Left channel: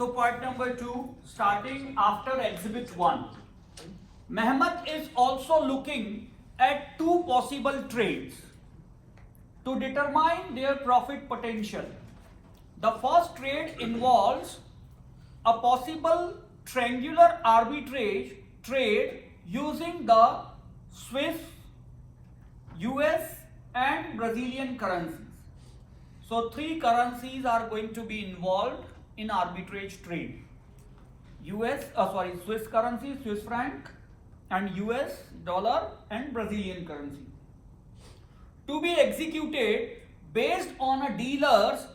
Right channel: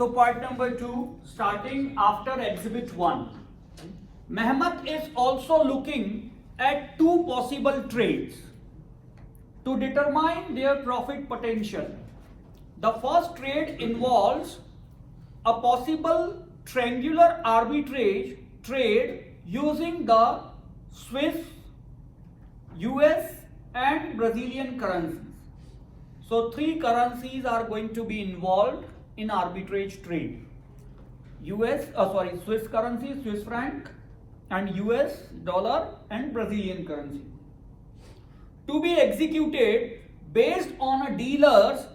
So part number 2, starting after exhibit 1. Mehmet is also looking at two possible trades to determine their profit potential. The first trade involves a possible triangular arbitrage trade using the Swiss, US and Brazilian currencies. So three currencies are going to be involved in arbitrage trade. Swiss currency, Swiss franc, and US dollar and Brazilian currency. To be executed based on a dealer's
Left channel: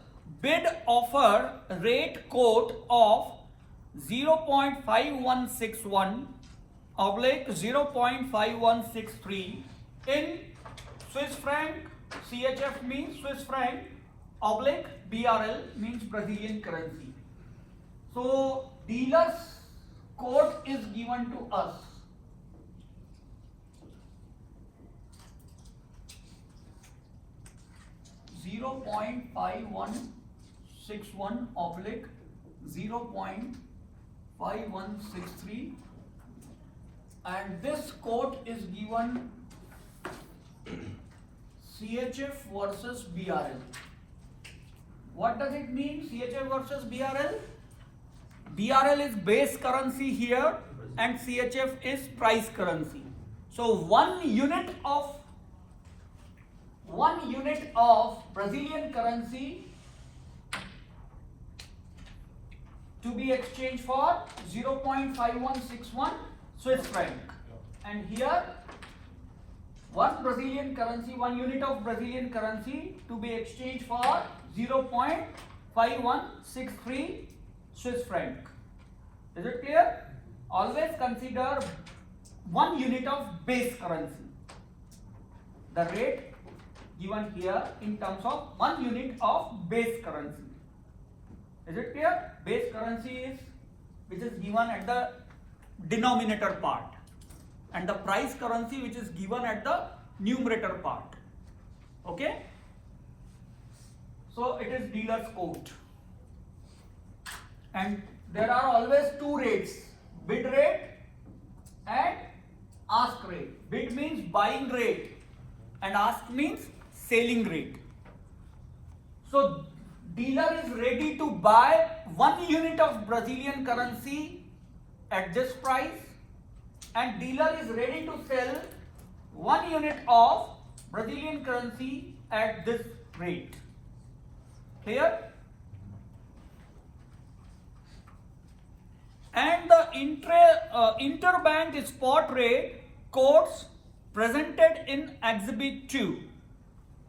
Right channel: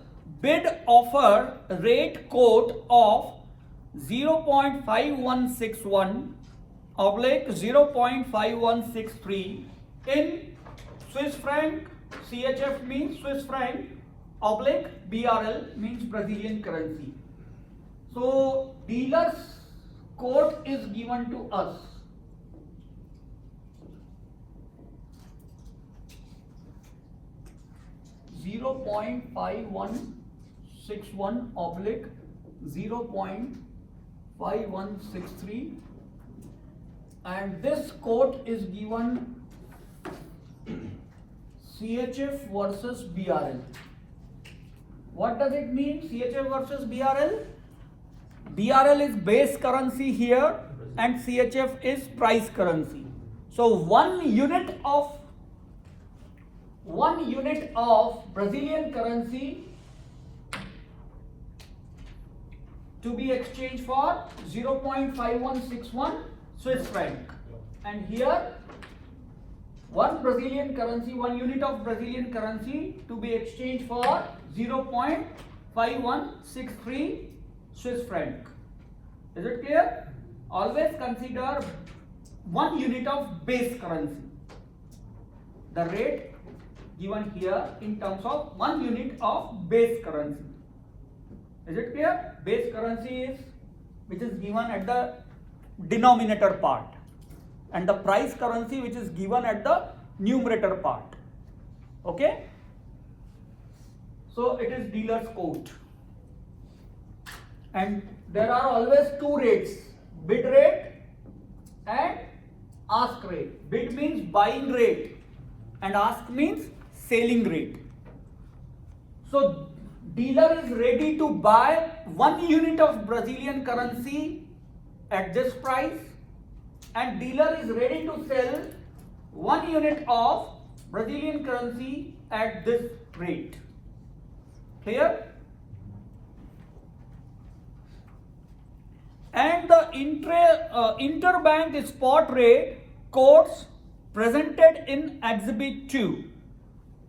bid offer rate quote of 0.5161 oblique 0.5163 in Swiss franc. CHF means Swiss franc oblique BRL means Brazilian currency. So dealer's quote is given to us. .5161 oblique 0.5163, and this quote is given CHF versus BRL. What does it mean, CHF versus BRL? BRL is base currency here and CHF is price currency. So one unit of Brazilian currency to be exchanged for 0.5161 Swiss franc, and here one unit of Brazilian currency to be exchanged for 0.5163 Swiss franc. Is it clear? Always consider one unit of base currency. The rate given here in terms of one unit of base currency. Is it clear? Base currency is which is given at the denominator part, and the price currency which is given at the numerator part. Okay? So it is dealer's quote. And there are always two rates, bid rate and ask rate. Bid means buying rate and ask means selling rate. So dealer is ready to buy 1 unit of Brazilian currency at this price, and dealer is ready to sell 1 unit of Brazilian currency at this rate. Clear? And the interbank spot rate quotes presented in exhibit 2.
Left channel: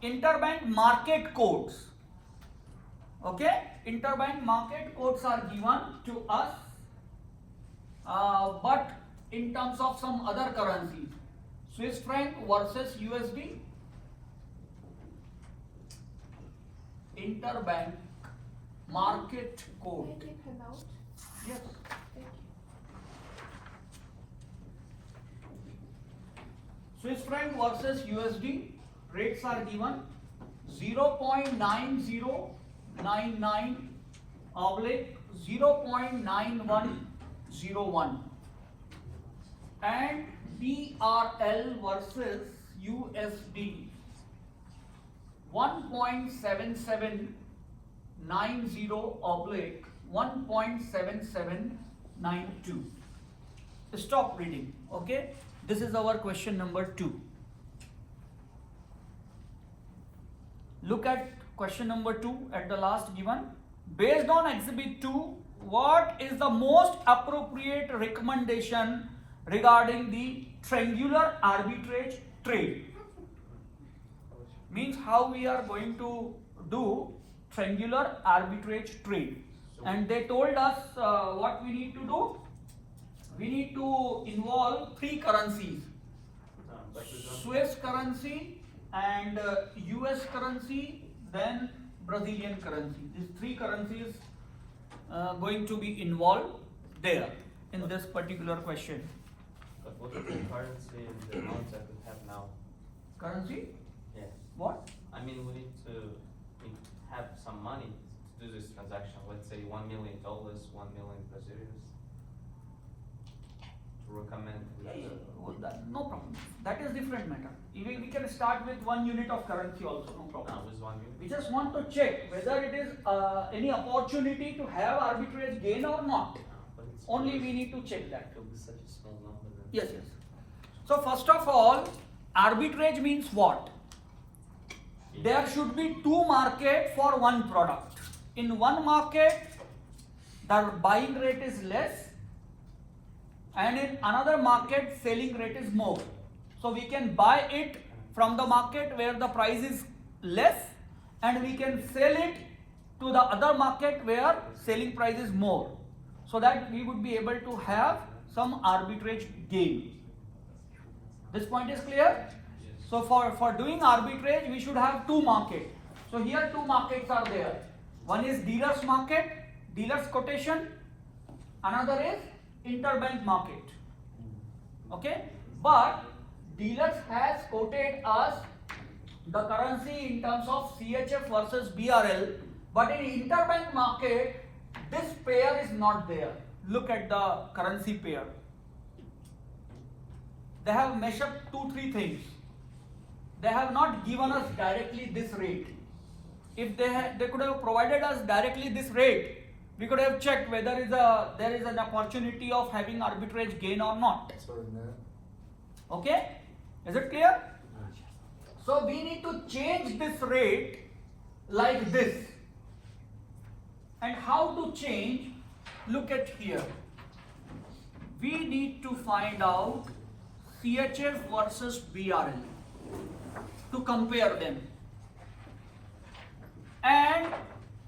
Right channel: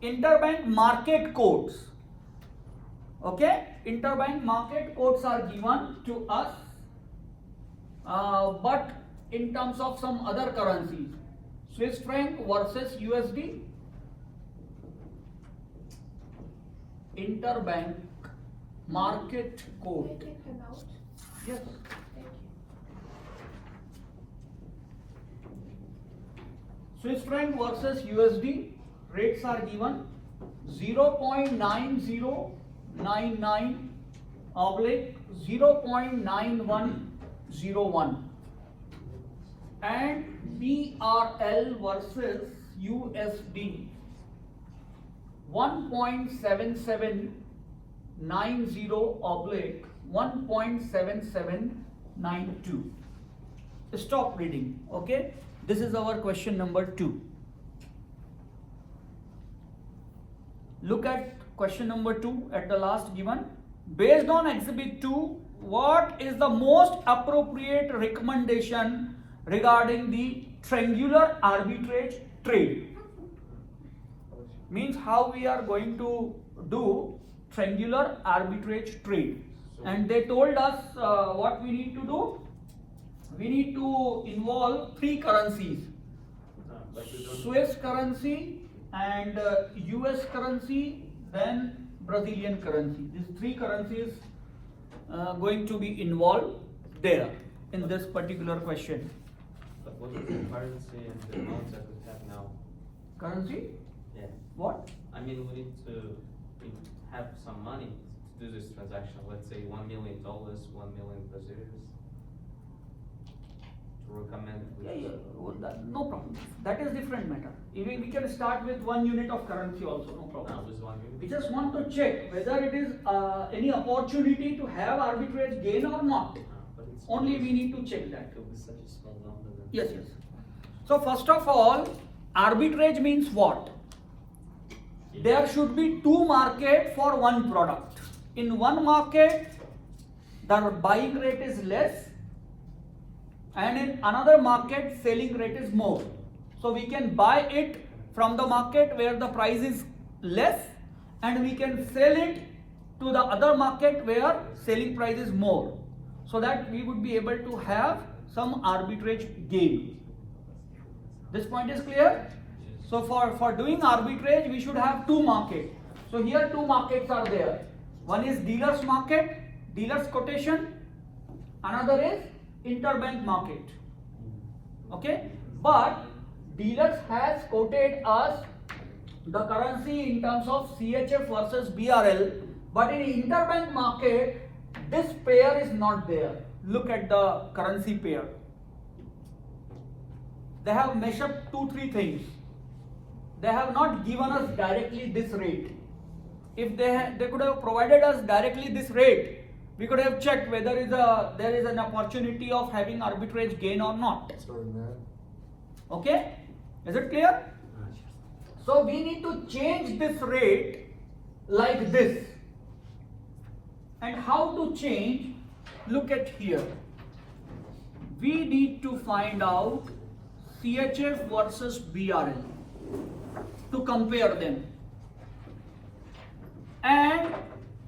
Interbank market quotes. Okay, interbank market quotes are given to us, but in terms of some other currencies, Swiss franc versus USD. Interbank market quote. Yes. Swiss franc versus USD rates are given 0.9099 oblique 0.9101, and BRL versus USD 1.7790 oblique 1.7792. Stop reading. Okay, this is our question number 2. Look at question number 2 at the last given. Based on exhibit 2, what is the most appropriate recommendation regarding the triangular arbitrage trade? Means how we are going to do triangular arbitrage trade. And they told us what we need to do. We need to involve three currencies: Swiss currency and US currency, then Brazilian currency. These three currencies going to be involved there in this particular question. But what is the currency and the amount that we have now? Currency? Yeah. What? I mean, we need to have some money to do this transaction. transaction, let's say $1 million, 1 million Brazilians, to recommend if we No problem. That is different matter. We can start with 1 unit of currency also, no problem. with 1 million? We just want to check whether it is any opportunity to have arbitrage gain or not. But it's Only we need to check that. It will be such a small number. Then. Yes, yes. So first of all, arbitrage means what? There should be two market for one product. In one market, the buying rate is less, and in another market, selling rate is more. So we can buy it from the market where the price is less, and we can sell it to the other market where selling price is more, so that we would be able to have some arbitrage gain. This point is clear? So for doing arbitrage, we should have two markets. So here two markets are there. One is dealer's market, dealer's quotation. Another is interbank market. Okay? But dealers has quoted us the currency in terms of CHF versus BRL. But in interbank market, this pair is not there. Look at the currency pair. They have meshed up 2-3 things. They have not given us directly this rate. If they could have provided us directly this rate, we could have checked whether there is an opportunity of having arbitrage gain or not. Okay? Is it clear? So we need to change this rate like this. And how to change? Look at here. We need to find out CHF versus BRL to compare them. And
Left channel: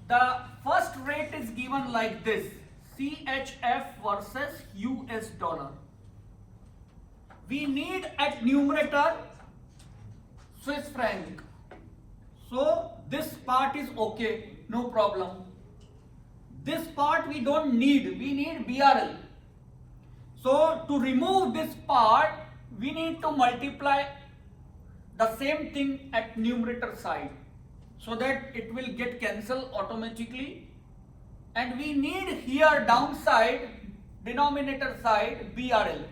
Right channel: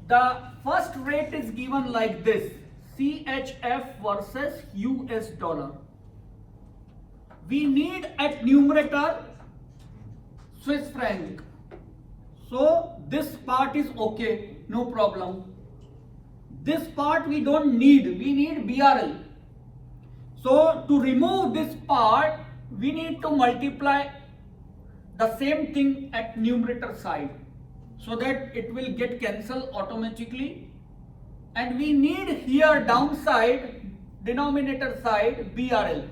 the first rate is given like this: CHF versus US dollar. We need at numerator Swiss franc. So this part is okay, no problem. This part we don't need, we need BRL. So to remove this part, we need to multiply the same thing at numerator side, so that it will get cancelled automatically. And we need here downside, denominator side, BRL.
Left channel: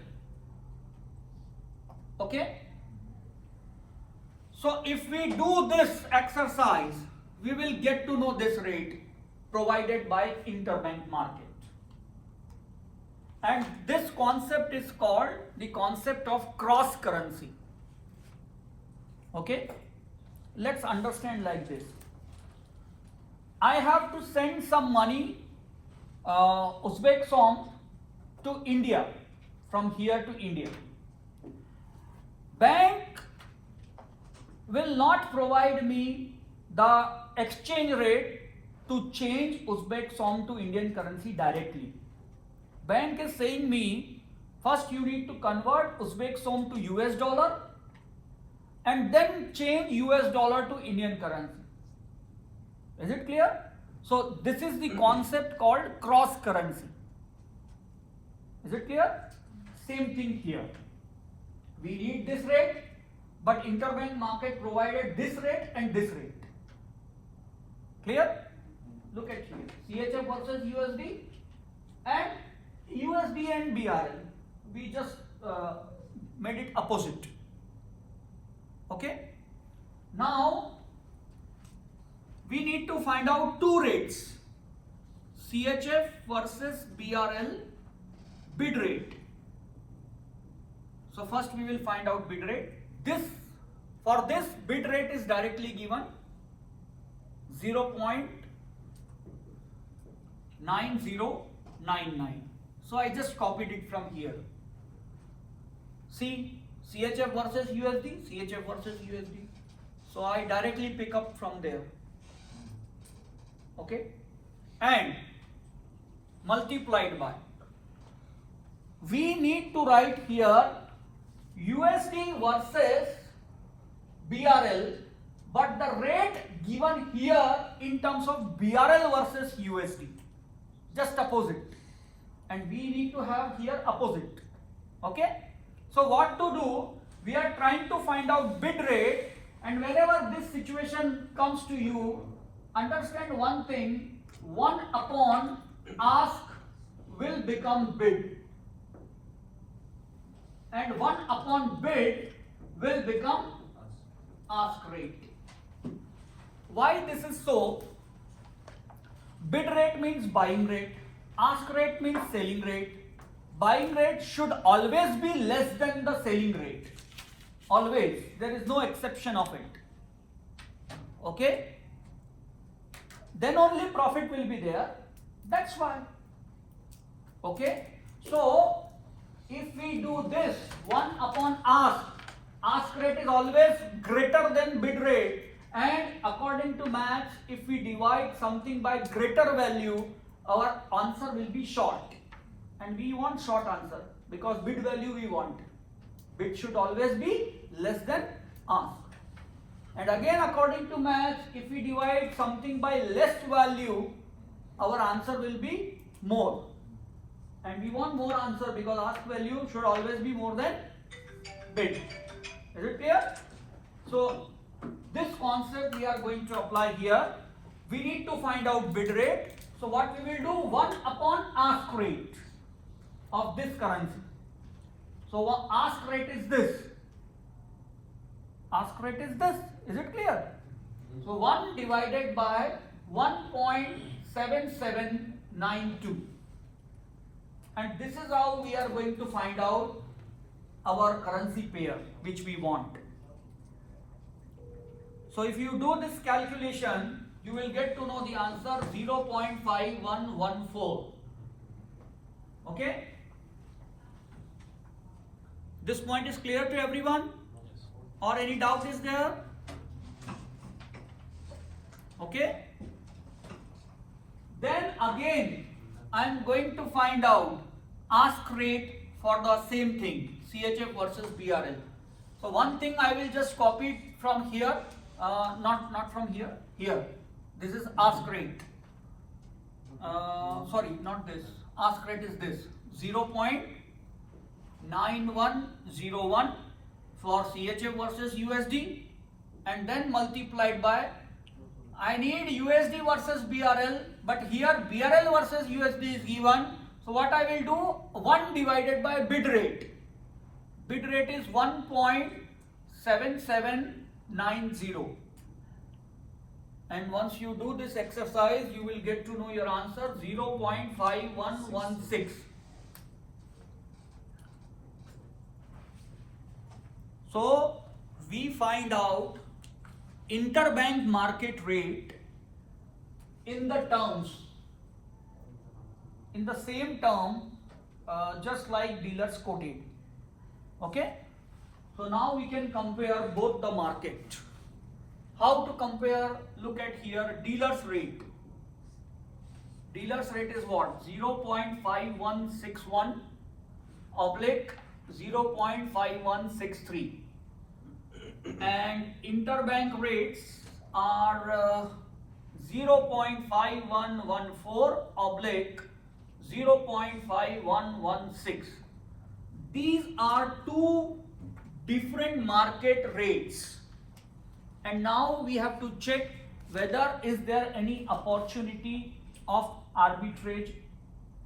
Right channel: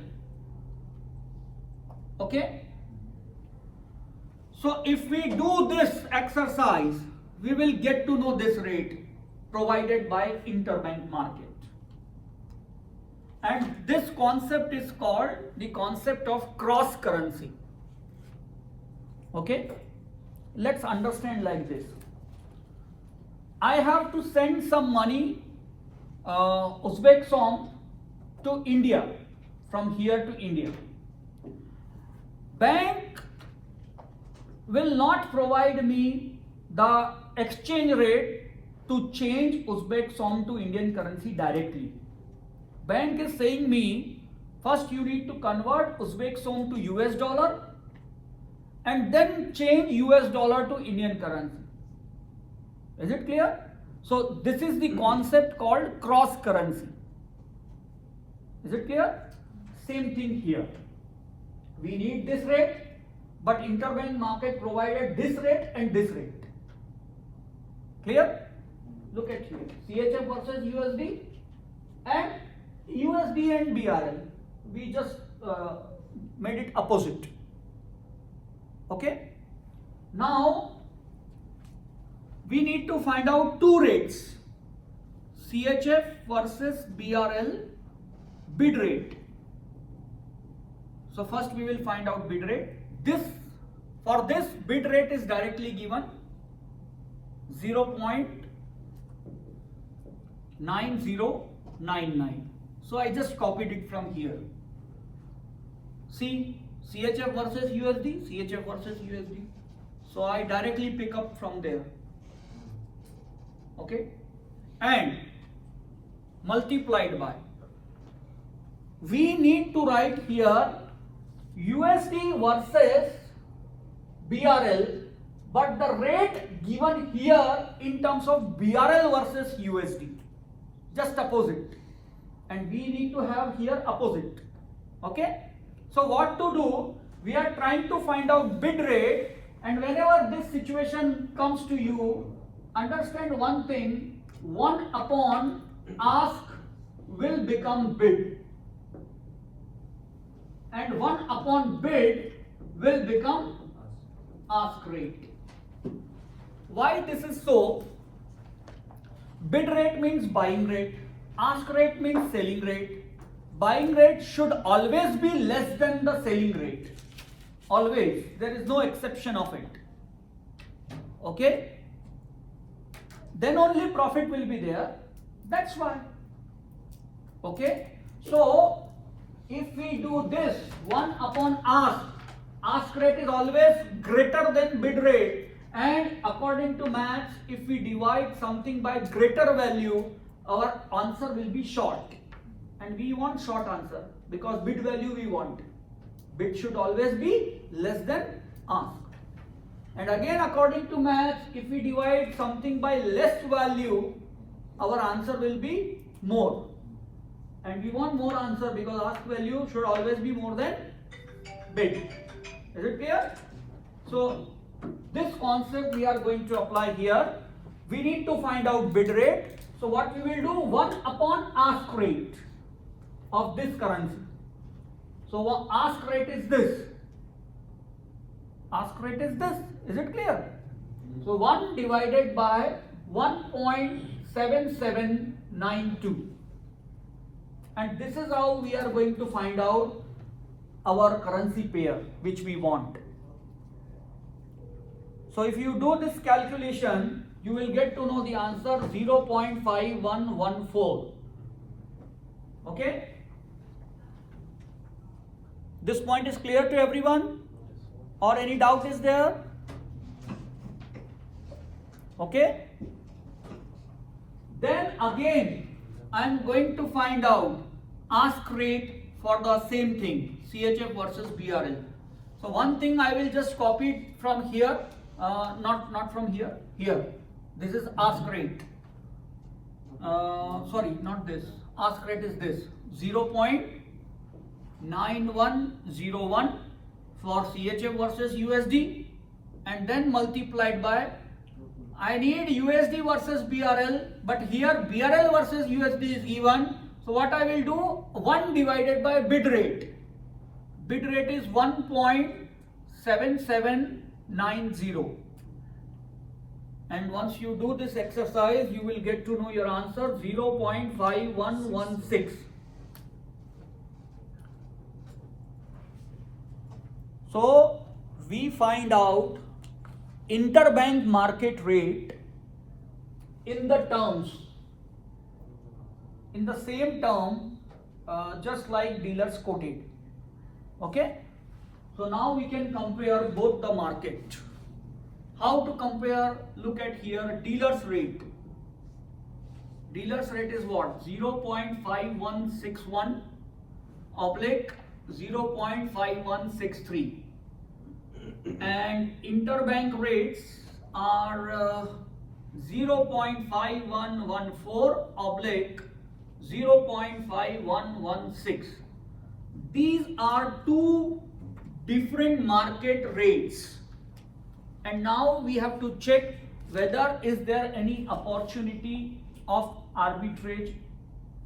Okay? So if we do this exercise, we will get to know this rate provided by interbank market. And this concept is called the concept of cross currency. Okay? Let's understand like this. I have to send some money, Uzbek som, to India, from here to India. Bank will not provide me the exchange rate to change Uzbek som to Indian currency directly. Bank is saying me, first you need to convert Uzbek som to US dollar, and then change US dollar to Indian currency. Is it clear? So this is the concept called cross currency. Is it clear? Same thing here. We need this rate, but interbank market provided this rate and this rate. Clear? Look at here. CHF versus USD and USD and BRL. We just made it opposite. Okay? Now we need to find out two rates: CHF versus BRL bid rate. So first we will find out bid rate. For this bid rate is directly given 0.9099. So I just copied it from here. See, CHF versus USD, CHF versus USD. So I directly pick up from there. Okay? And multiplied by. We need to write here USD versus BRL, but the rate given here in terms of BRL versus USD. Just opposite. And we need to have here opposite. Okay? So what to do? We are trying to find out bid rate, and whenever this situation comes to you, understand one thing: 1 upon ask will become bid, and 1 upon bid will become ask rate. Why this is so? Bid rate means buying rate, ask rate means selling rate. Buying rate should always be less than the selling rate. Always. There is no exception of it. Okay? Then only profit will be there. That's why. Okay? So, if we do this 1 upon ask rate is always greater than bid rate, and according to maths, if we divide something by greater value, our answer will be short. And we want short answer because bid value we want. Bid should always be less than ask. And again, according to maths, if we divide something by less value, our answer will be more. And we want more answer because ask value should always be more than bid. Is it clear? So, this concept we are going to apply here. We need to find out bid rate. So, what we will do? 1 upon ask rate of this currency. So, ask rate is this. Ask rate is this. Is it clear? So, 1 divided by 1.7792. And this is how we are going to find out our currency pair which we want. So, if you do this calculation, you will get to know the answer 0.5114. Okay? This point is clear to everyone? Or any doubt is there? Okay? Then again, I am going to find out ask rate for the same thing, CHF versus BRL. So one thing I will just copy it from here, not from here, here. This is ask rate. Sorry, not this. Ask rate is this, 0.9101 for CHF versus USD, and then multiplied by, I need USD versus BRL, but here BRL versus USD is given. So what I will do, 1 divided by bid rate. Bid rate is 1.7790. And once you do this exercise, you will get to know your answer, 0.5116. So we find out interbank market rate in the terms, in the same term, just like dealers quoted. Okay? So now we can compare both the market. How to compare? Look at here, dealer's rate. Dealer's rate is what? 0.5161 oblique 0.5163. And interbank rates are 0.5114 oblique 0.5116. These are two different market rates, and now we have to check whether is there any opportunity of arbitrage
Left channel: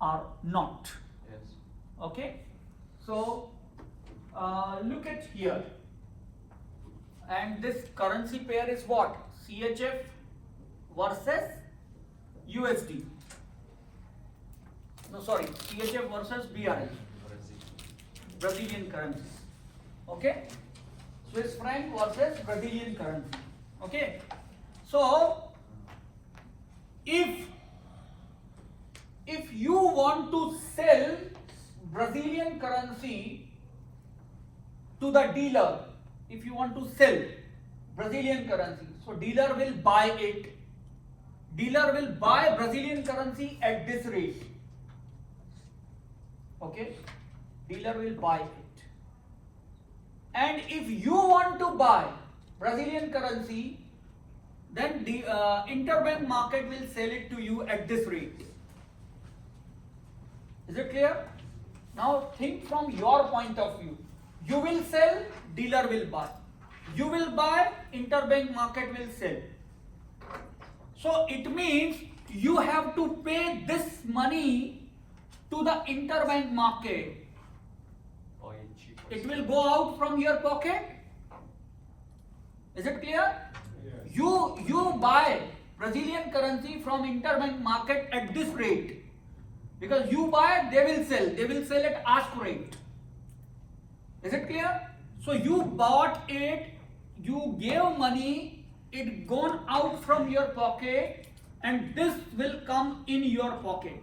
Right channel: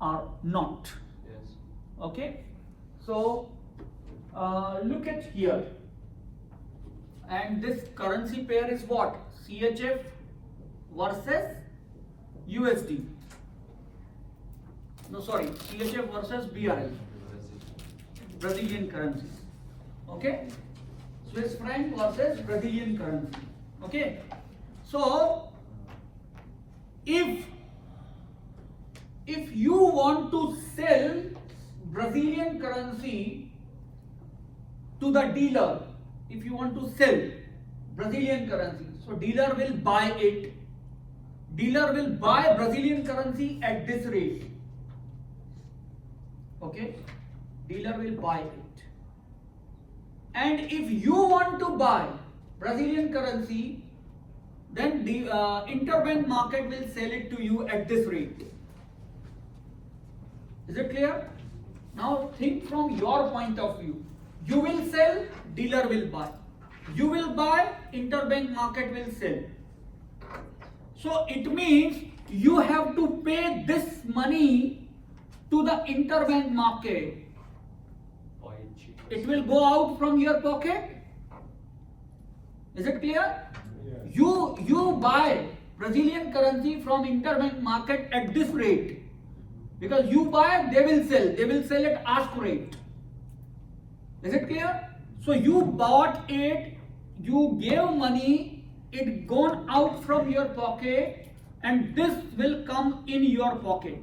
or not. Yes. Okay, so look at here, and this currency pair is what? CHF versus USD. No, sorry, CHF versus BRL, Brazilian currency. Okay, Swiss franc versus Brazilian currency. Okay, so if you want to sell Brazilian currency to the dealer, if you want to sell Brazilian currency, so dealer will buy it. Dealer will buy Brazilian currency at this rate. Okay, dealer will buy it. And if you want to buy Brazilian currency, then the interbank market will sell it to you at this rate. Is it clear? Now think from your point of view. You will sell, dealer will buy. You will buy, interbank market will sell. So it means you have to pay this money to the interbank market. Buy it cheaper. It will go out from your pocket. Is it clear? You buy Brazilian currency from interbank market at this rate. Because you buy, they will sell. They will sell at ask rate. Is it clear? So you bought it, you gave money, it gone out from your pocket, and this will come in your pocket.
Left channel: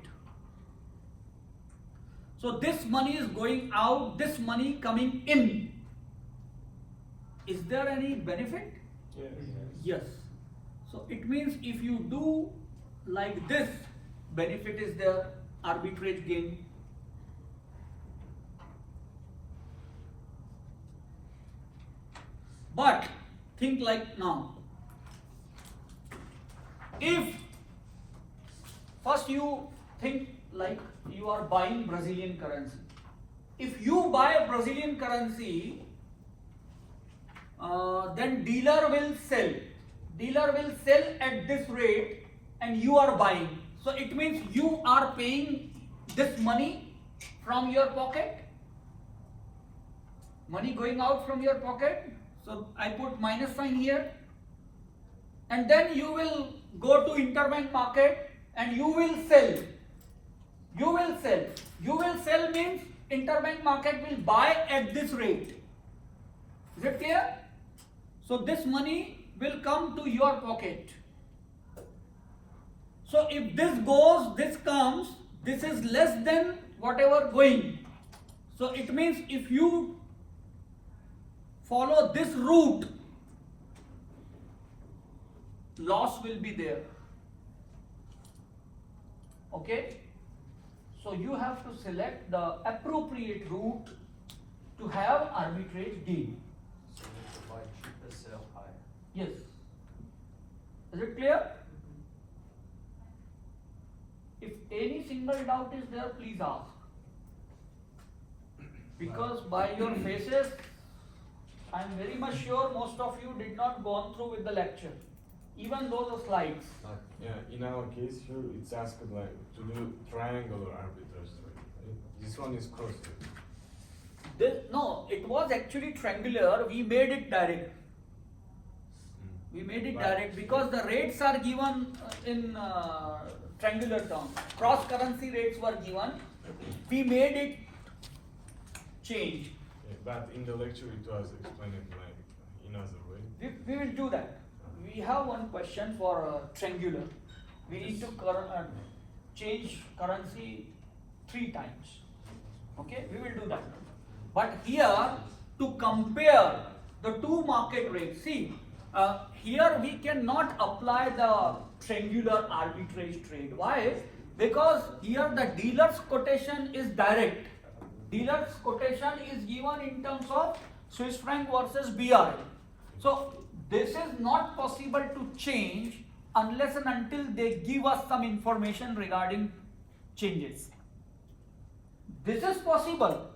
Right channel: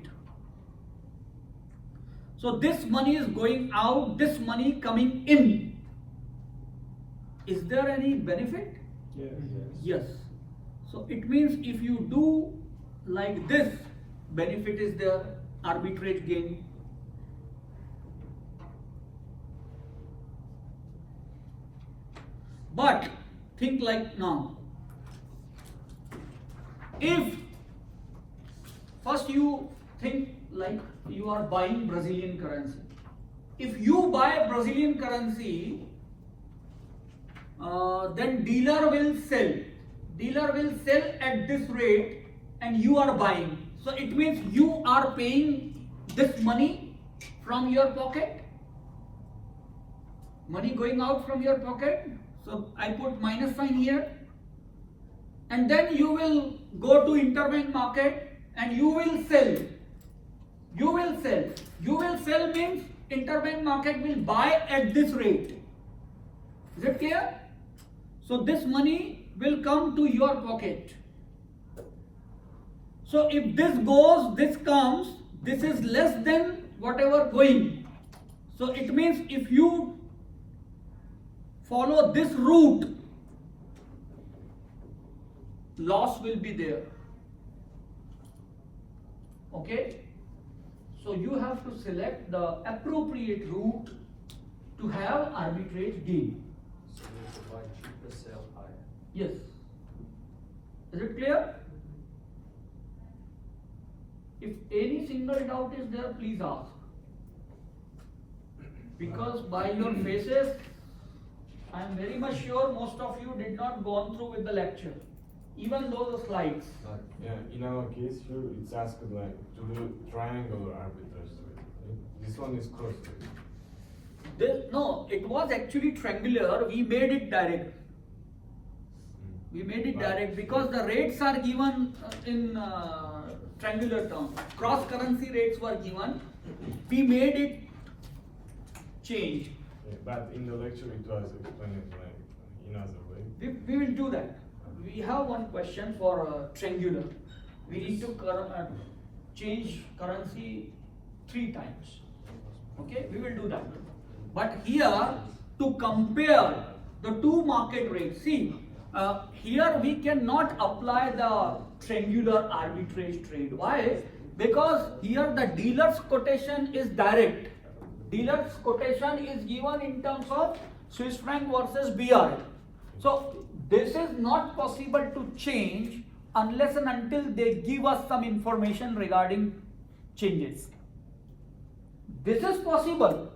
So this money is going out, this money coming in. Is there any benefit? Yes. So it means if you do like this, benefit is there, arbitrage gain. But think like now. If first you think like you are buying Brazilian currency. If you buy Brazilian currency, then dealer will sell. Dealer will sell at this rate and you are buying. So it means you are paying this money from your pocket. Money going out from your pocket. So I put minus sign here. And then you will go to interbank market and you will sell. You will sell. You will sell means interbank market will buy at this rate. Is it clear? So this money will come to your pocket. So if this goes, this comes, this is less than whatever going. So it means if you follow this route, loss will be there. Okay? So you have to select the appropriate route to have arbitrage gain. So we need to buy cheaper, sell higher. Yes. Is it clear? If any single doubt is there, please ask. Because by your faces, I am very much sure most of you did not go through with the lecture, even those slides. Yeah, in our case here, it's asked like to do triangular arbitrage. This one is cross. No, it was actually triangular. We made it direct. We made it direct because the rates are given in triangular terms. Cross currency rates were given. We made it change. Yeah, but in the lecture it was explained like in other way. We will do that. We have one question for triangular. We need to change currency 3 times. Okay, we will do that. But here to compare the two market rates, see, here we cannot apply the triangular arbitrage trade. Why? Because here the dealer's quotation is direct. Dealer's quotation is given in terms of Swiss franc versus BRL. So this is not possible to change unless and until they give us some information regarding changes. This is possible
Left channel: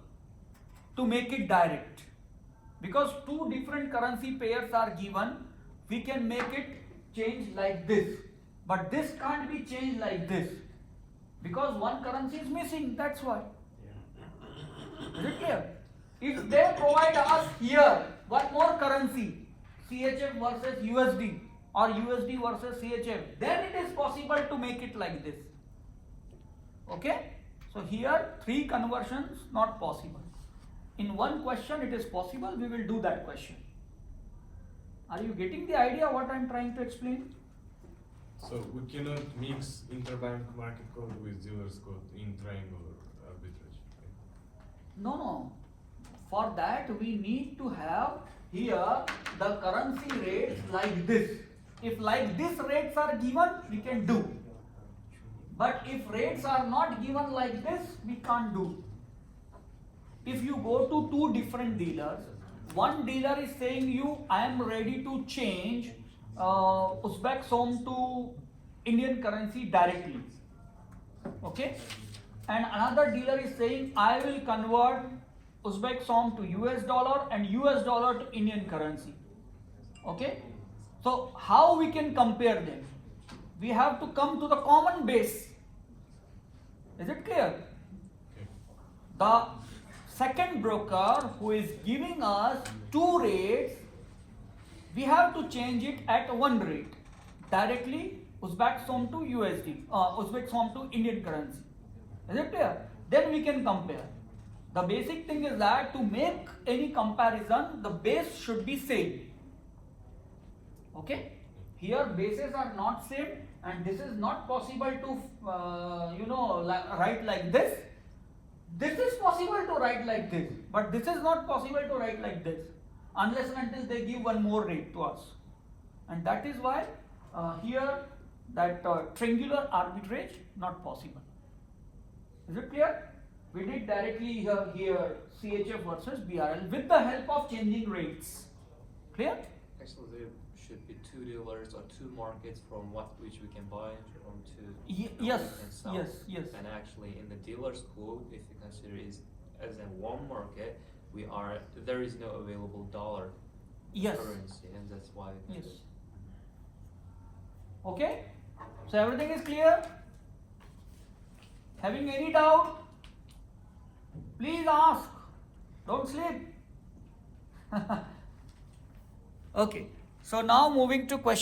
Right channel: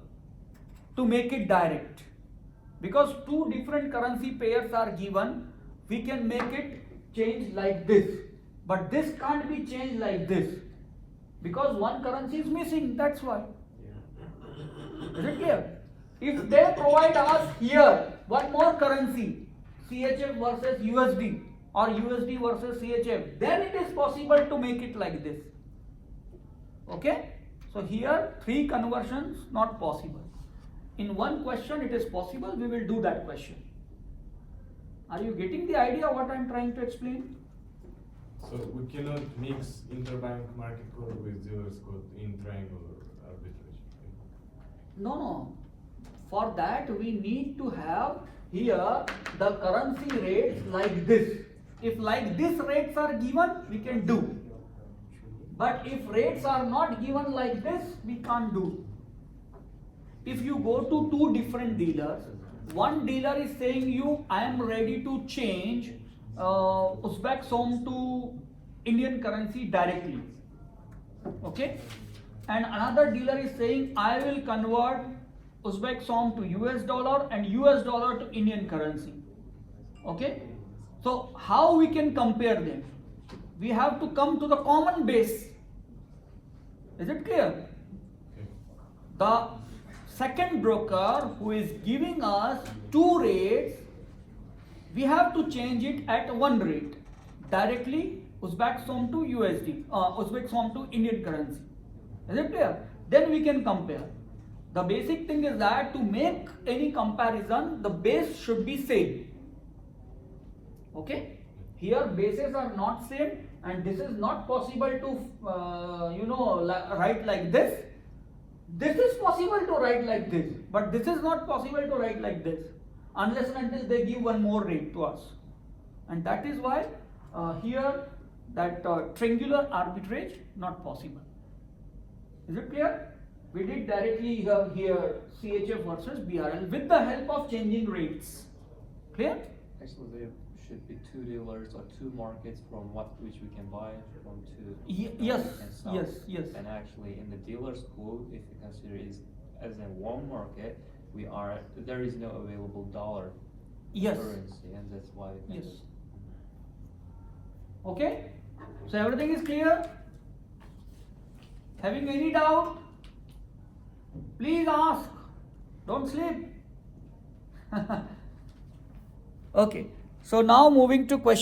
to make it direct. Because 2 different currency pairs are given, we can make it change like this. But this can't be changed like this. Because one currency is missing, that's why. Is it clear? If they provide us here one more currency, CHF versus USD or USD versus CHF, then it is possible to make it like this. Okay? So here 3 conversions not possible. In one question it is possible, we will do that question. Are you getting the idea what I am trying to explain? So we cannot mix interbank market code with dealer's code in triangular arbitrage. No. For that we need to have here the currency rates like this. If like this rates are given, we can do. But if rates are not given like this, we can't do. If you go to 2 different dealers, one dealer is saying you, I am ready to change Uzbek som to Indian currency directly. Okay? And another dealer is saying I will convert Uzbek som to US dollar and US dollar to Indian currency. Okay? So how we can compare them? we have to come to the common base. Is it clear? Okay. The second broker who is giving us two rates, we have to change it at one rate. Directly Uzbek som to USD, Uzbek som to Indian currency. Is it clear? Then we can compare. The basic thing is that to make any comparison, the base should be same. Okay? Here bases are not same, and this is not possible to write like this. This is possible to write like this, but this is not possible to write like this unless and until they give one more rate to us. And that is why here that triangular arbitrage not possible. Is it clear? We did directly here CHF versus BRL with the help of changing rates. Clear? Actually, there should be two dealers or two markets from which we can buy from two. Yes, we can sell. yes. And actually, in the dealer's pool, if you consider it as in one market, there is no available dollar Yes. currency, and that's why. We can Yes. just- Okay? So everything is clear? Having any doubt? Please ask. Don't sleep. Okay. So now moving to question.